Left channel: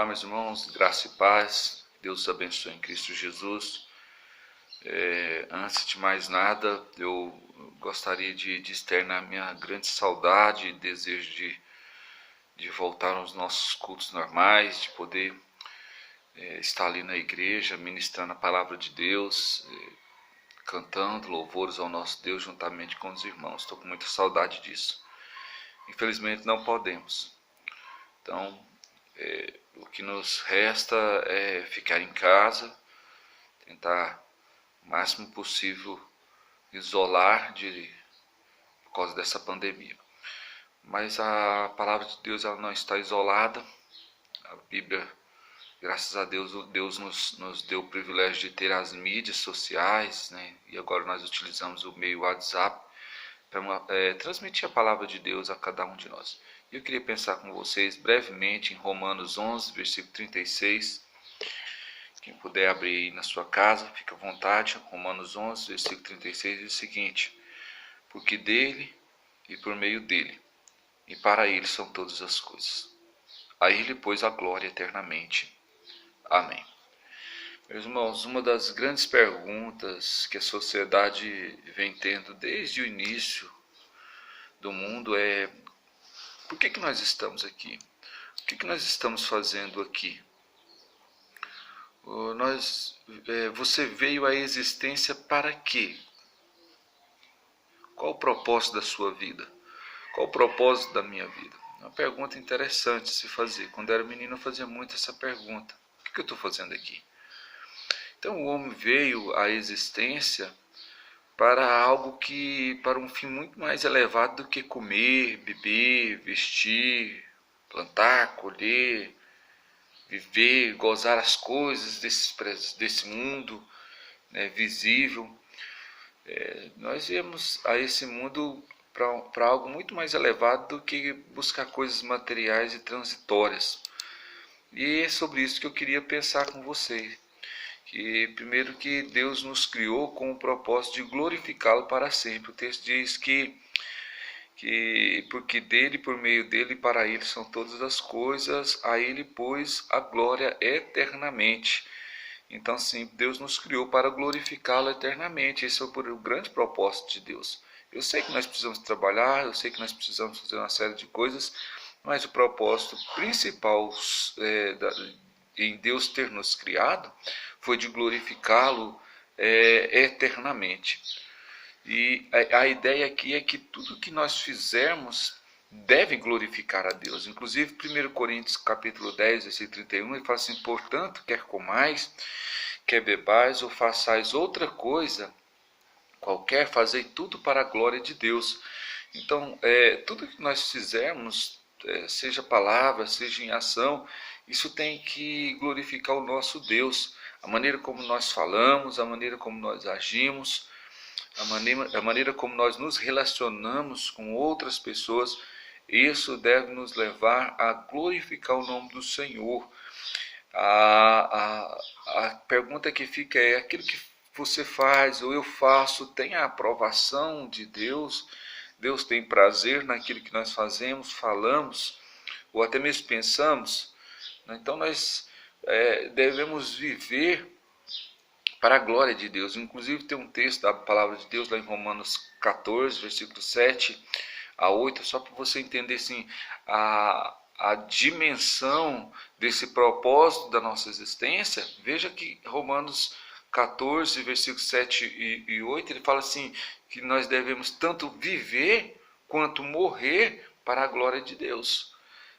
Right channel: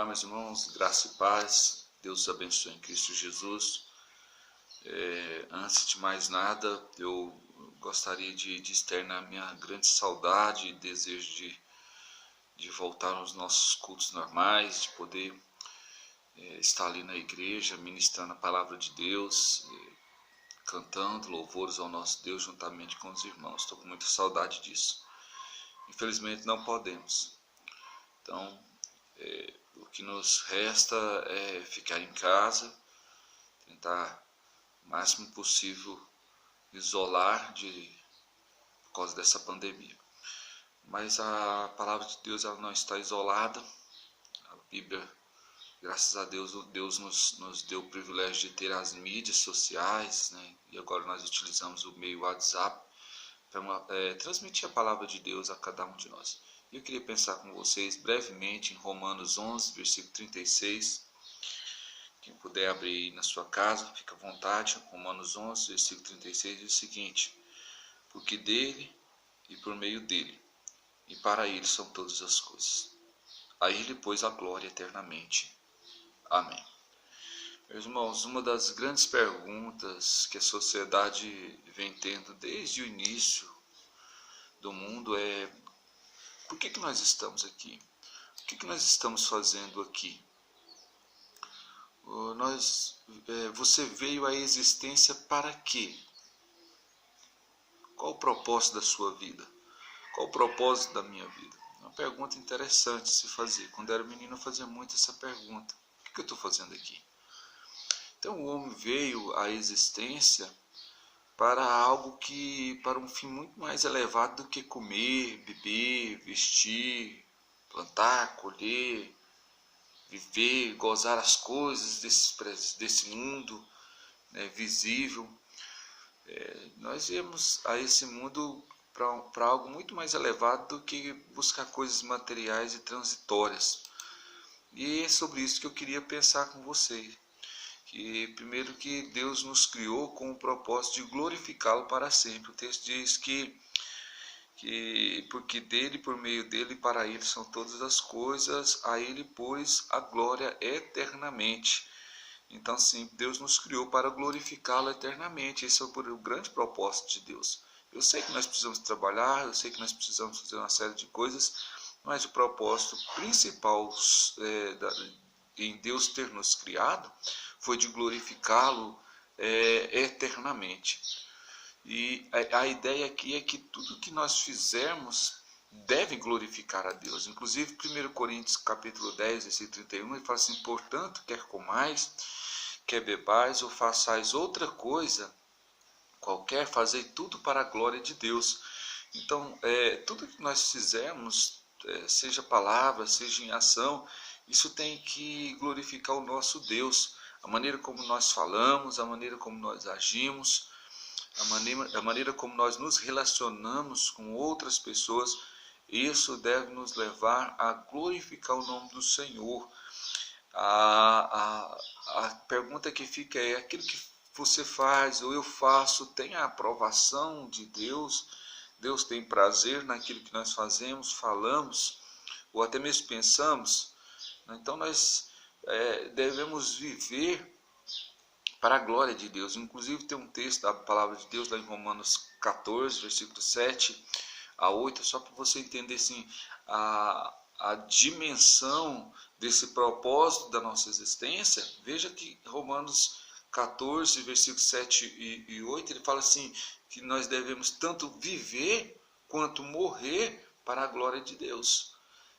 Olá, meus irmãos, graça e paz, Deus os abençoe em Cristo Jesus. Antes de mais nada, eu gostaria de externar minha grande saudade e desejo de voltar aos nossos cultos normais, de poder estar ali na igreja, ministrando a palavra de Deus, cantando louvores ao nosso Deus juntamente com os irmãos. Estou com muita saudade disso. Infelizmente não podemos. Então, o que nos resta é ficar em casa, tentar o máximo possível isolar por causa dessa pandemia. Mas a palavra de Deus ela não está isolada. A Bíblia, graças a Deus, Deus nos deu o privilégio de ter as mídias sociais, né? E agora nós utilizamos o meio WhatsApp para transmitir a palavra de Deus a cada um de nós. Eu queria pensar com vocês brevemente em Romanos 11, versículo 36. Quem puder abrir aí na sua casa, fica à vontade. Romanos 11, versículo 36 diz o seguinte: porque dele e por meio dele e para ele são todas as coisas. A ele, pois, a glória eternamente. Amém. Meus irmãos, uma das grandes perguntas que a sociedade vem tendo desde o início do mundo é: por que nós estamos aqui? O que nós estamos fazendo aqui? Você veio à existência para quê? Qual o propósito da sua vida? Qual o propósito da minha vida? É uma pergunta interessante de se fazer. Quando eu era menino eu fazia muito essa pergunta. O que eu estou fazendo aqui? Então o homem veio à existência para um fim muito mais elevado do que comer, beber, vestir, plantar, colher, viver, gozar as coisas desse mundo, né, visível. Nós viemos a esse mundo para algo muito mais elevado do que buscar coisas materiais e transitórias. E é sobre isso que eu queria pensar com vocês. Que primeiro que Deus nos criou com o propósito de glorificá-lo para sempre. O texto diz que porque dele, por meio dele e para ele são todas as coisas, a ele, pois, a glória eternamente. Então, sim, Deus nos criou para glorificá-lo eternamente. Esse é o grande propósito de Deus. Eu sei que nós precisamos trabalhar, eu sei que nós precisamos fazer uma série de coisas, mas o propósito principal em Deus ter nos criado foi de glorificá-lo eternamente. E a ideia aqui é que tudo que nós fizermos deve glorificar a Deus. Inclusive, 1 Coríntios capítulo 10, versículo 31, ele fala assim: portanto, quer comais, quer bebais ou façais outra coisa qualquer, fazei tudo para a glória de Deus. Então, tudo que nós fizermos, seja palavra, seja em ação, isso tem que glorificar o nosso Deus. A maneira como nós falamos, a maneira como nós agimos, a maneira como nós nos relacionamos com outras pessoas, isso deve nos levar a glorificar o nome do Senhor. A pergunta que fica é: aquilo que você faz ou eu faço tem a aprovação de Deus? Deus tem prazer naquilo que nós fazemos, falamos ou até mesmo pensamos? Então nós devemos viver para a glória de Deus. Inclusive tem um texto da palavra de Deus lá em Romanos 14, versículo 7 a 8, só para você entender assim, a dimensão desse propósito da nossa existência. Veja que Romanos 14, versículos 7 e 8, ele fala assim, que nós devemos tanto viver quanto morrer para a glória de Deus.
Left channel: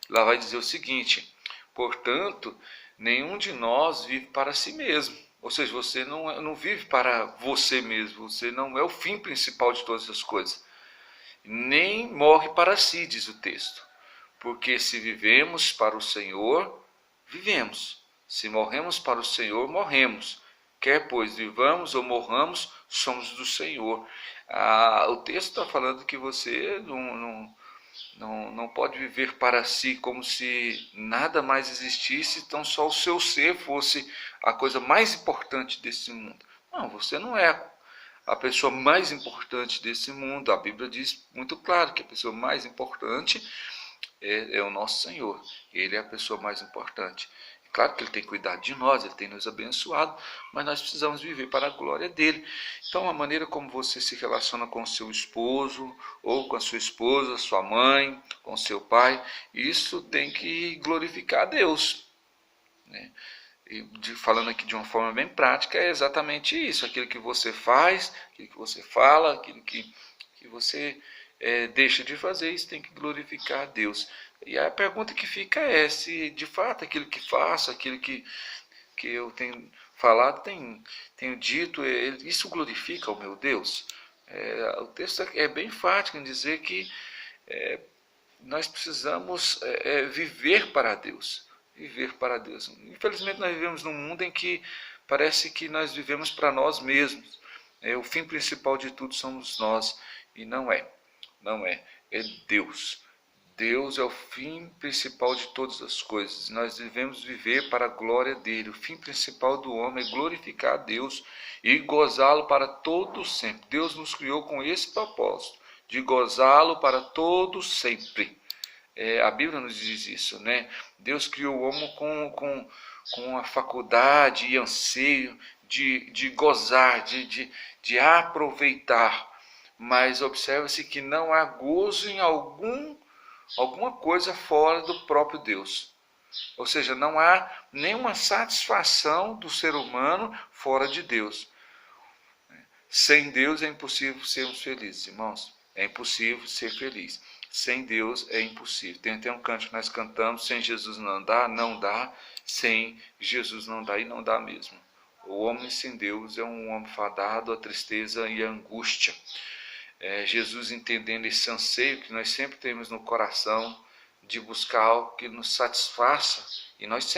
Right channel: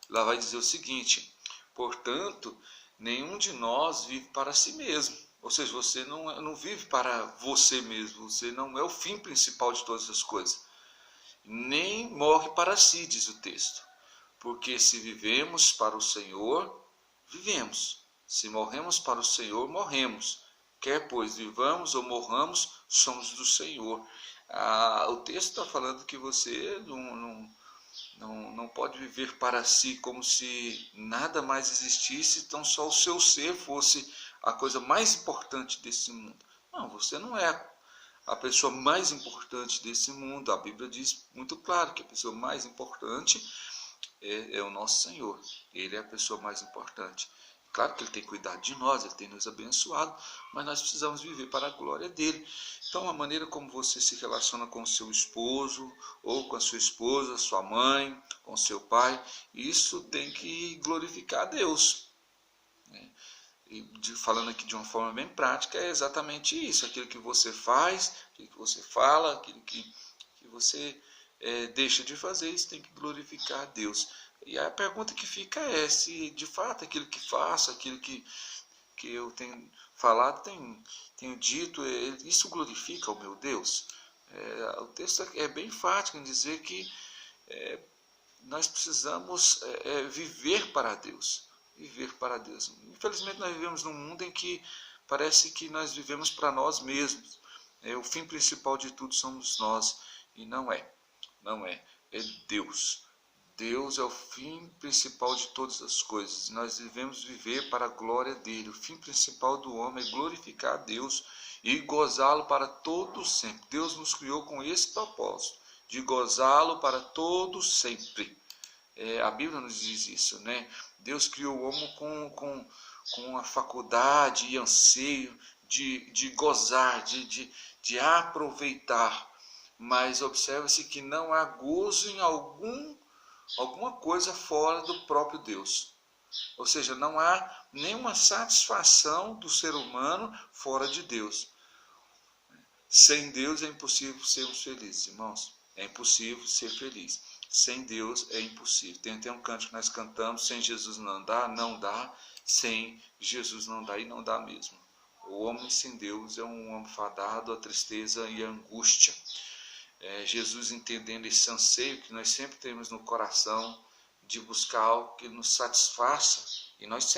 Lá vai dizer o seguinte: portanto, nenhum de nós vive para si mesmo. Ou seja, você não vive para você mesmo, você não é o fim principal de todas as coisas. Nem morre para si, diz o texto. Porque se vivemos para o Senhor, vivemos. Se morremos para o Senhor, morremos. Quer pois vivamos ou morramos, somos do Senhor. O texto está falando que você não pode viver para si como se nada mais existisse, então só o seu ser fosse a coisa mais importante desse mundo. Não, você não é a pessoa mais importante desse mundo. A Bíblia diz muito claro que a pessoa mais importante é o nosso Senhor. Ele é a pessoa mais importante. Claro que Ele tem cuidado de nós, Ele tem nos abençoado, mas nós precisamos viver para a glória dEle. Então, a maneira como você se relaciona com o seu esposo, ou com a sua esposa, sua mãe, com seu pai, isso tem que glorificar a Deus, né? E falando aqui de uma forma bem prática, é exatamente isso. Aquilo que você faz, aquilo que você fala, aquilo que você deixa de fazer, isso tem que glorificar a Deus. E a pergunta que fica é se de fato aquilo que faço, aquilo que eu tenho falado, tenho dito, isso glorifica o meu Deus? O texto é bem enfático em dizer que nós precisamos viver para Deus. Viver para Deus. Infelizmente nós vivemos num mundo em que parece que nós vivemos para nós mesmos. O fim principal de tudo somos nós. E não é. Não é. É Deus. Deus é o fim principal de todas as coisas. Nós devemos viver para a glória dele. O fim principal do homem é glorificar a Deus e gozá-lo para todo sempre. Deus nos criou com esse propósito, de gozá-lo para todo sempre. A Bíblia nos diz isso, né? Deus criou o homem com a faculdade e anseio de gozar, de aproveitar. Mas observa-se que não há gozo em alguma coisa fora do próprio Deus. Ou seja, não há nenhuma satisfação do ser humano fora de Deus. Sem Deus é impossível sermos felizes, irmãos. É impossível ser feliz. Sem Deus é impossível. Tem até um canto que nós cantamos: sem Jesus não dá, não dá. Sem Jesus não dá, e não dá mesmo. O homem sem Deus é um homem fadado à tristeza e à angústia. Jesus, entendendo esse anseio que nós sempre temos no coração de buscar algo que nos satisfaça, e nós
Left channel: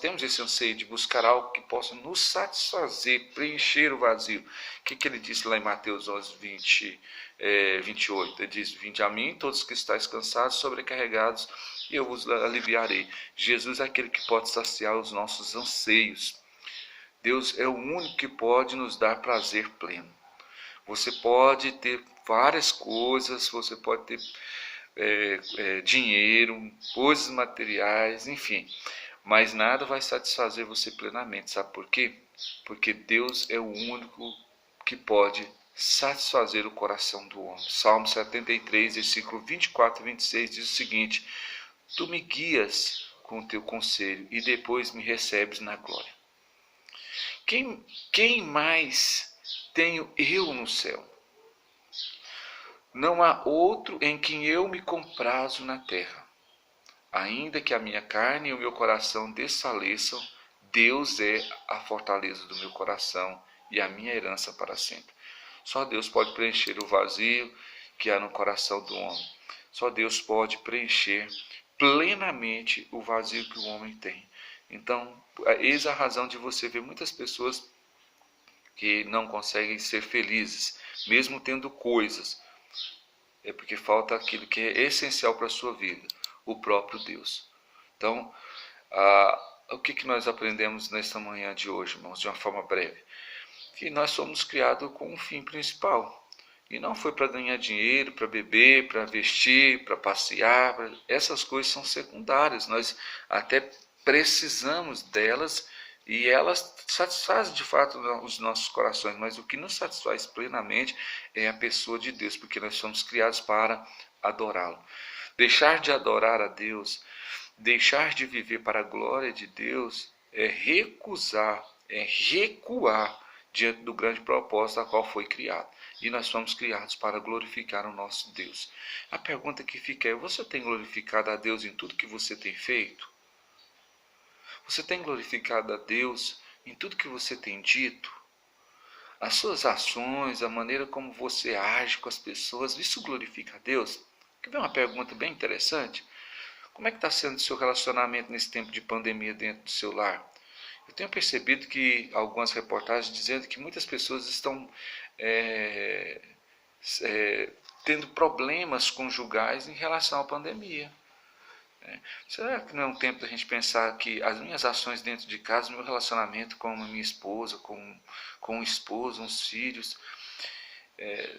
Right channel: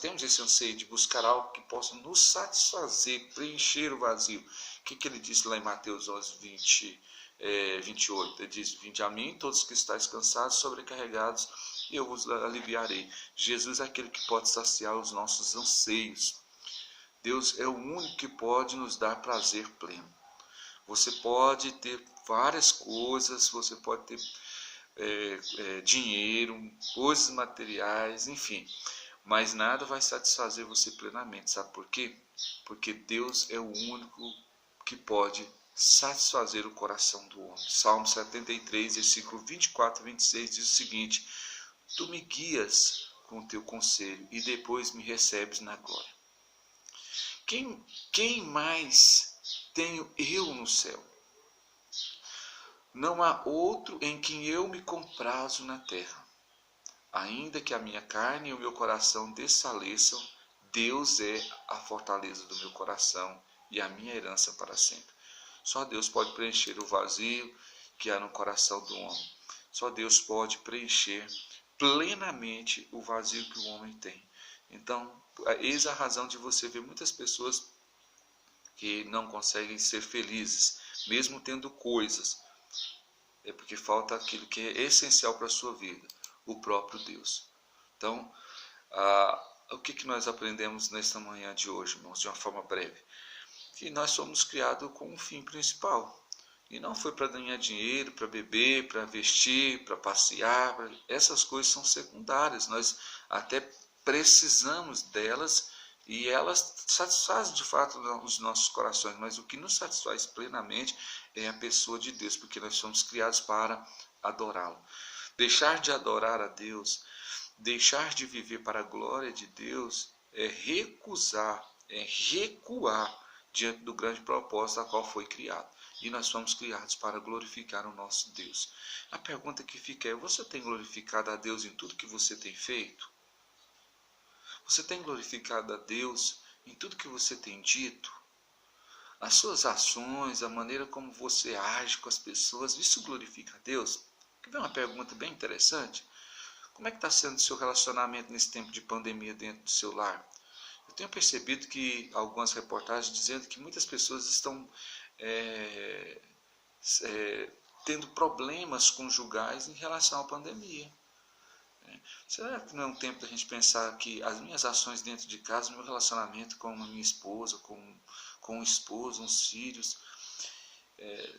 temos esse anseio de buscar algo que possa nos satisfazer, preencher o vazio. O que ele disse lá em Mateus 11, 28? Ele diz: vinde a mim todos que estáis cansados, sobrecarregados, e eu vos aliviarei. Jesus é aquele que pode saciar os nossos anseios. Deus é o único que pode nos dar prazer pleno. Você pode ter várias coisas, você pode ter dinheiro, coisas materiais, enfim, mas nada vai satisfazer você plenamente. Sabe por quê? Porque Deus é o único que pode satisfazer o coração do homem. Salmo 73, versículo 24 e 26 diz o seguinte: tu me guias com o teu conselho e depois me recebes na glória. Quem mais tenho eu no céu? Não há outro em quem eu me comprazo na terra. Ainda que a minha carne e o meu coração desfaleçam, Deus é a fortaleza do meu coração e a minha herança para sempre. Só Deus pode preencher o vazio que há no coração do homem. Só Deus pode preencher plenamente o vazio que o homem tem. Então, eis a razão de você ver muitas pessoas que não conseguem ser felizes, mesmo tendo coisas. É porque falta aquilo que é essencial para a sua vida, o próprio Deus. Então, o que nós aprendemos nesta manhã de hoje, irmãos, de uma forma breve? Que nós somos criados com um fim principal. E não foi para ganhar dinheiro, para beber, para vestir, para passear. Essas coisas são secundárias. Nós até precisamos delas e elas satisfazem de fato os nossos corações. Mas o que nos satisfaz plenamente é a pessoa de Deus, porque nós somos criados para adorá-lo. Deixar de adorar a Deus, deixar de viver para a glória de Deus, é recuar diante do grande propósito a qual foi criado. E nós somos criados para glorificar o nosso Deus. A pergunta que fica é: você tem glorificado a Deus em tudo que você tem feito? Você tem glorificado a Deus em tudo que você tem dito? As suas ações, a maneira como você age com as pessoas, isso glorifica a Deus? Quer ver uma pergunta bem interessante? Como é que está sendo o seu relacionamento nesse tempo de pandemia dentro do seu lar? Eu tenho percebido que algumas reportagens dizendo que muitas pessoas estão tendo problemas conjugais em relação à pandemia. Será que não é um tempo da gente pensar que as minhas ações dentro de casa, meu relacionamento com a minha esposa, com o esposo, os filhos,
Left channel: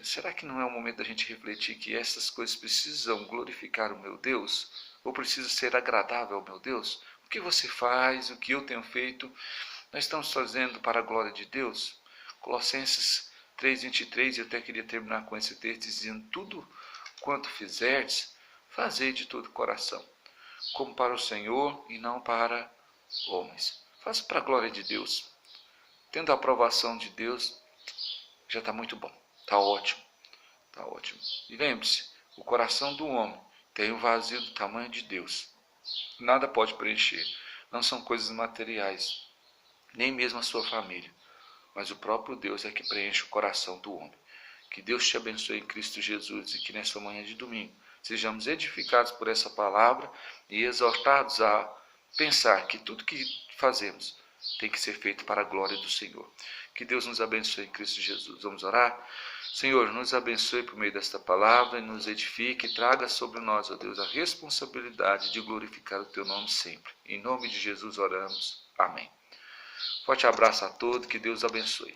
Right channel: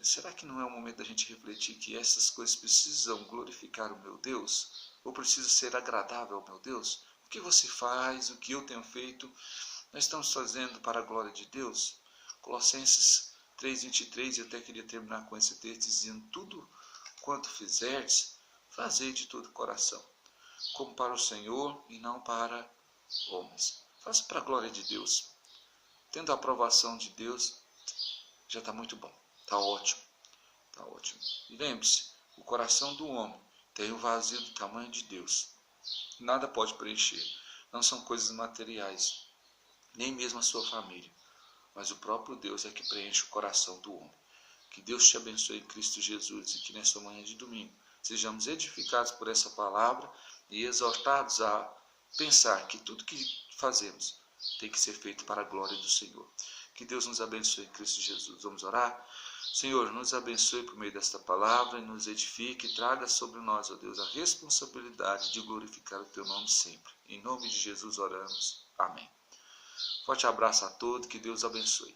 será que não é o momento da gente refletir que essas coisas precisam glorificar o meu Deus? Ou precisa ser agradável ao meu Deus? O que você faz, o que eu tenho feito, nós estamos fazendo para a glória de Deus? Colossenses 3:23, eu até queria terminar com esse texto dizendo: tudo quanto fizerdes, fazei de todo o coração, como para o Senhor e não para homens. Faça para a glória de Deus. Tendo a aprovação de Deus, já está muito bom, está ótimo, está ótimo. E lembre-se, o coração do homem tem o vazio do tamanho de Deus. Nada pode preencher. Não são coisas materiais, nem mesmo a sua família, mas o próprio Deus é que preenche o coração do homem. Que Deus te abençoe em Cristo Jesus e que nessa manhã de domingo sejamos edificados por essa palavra e exortados a pensar que tudo que fazemos tem que ser feito para a glória do Senhor. Que Deus nos abençoe em Cristo Jesus. Vamos orar? Senhor, nos abençoe por meio desta palavra e nos edifique e traga sobre nós, ó Deus, a responsabilidade de glorificar o Teu nome sempre. Em nome de Jesus oramos. Amém. Forte abraço a todos, que Deus abençoe.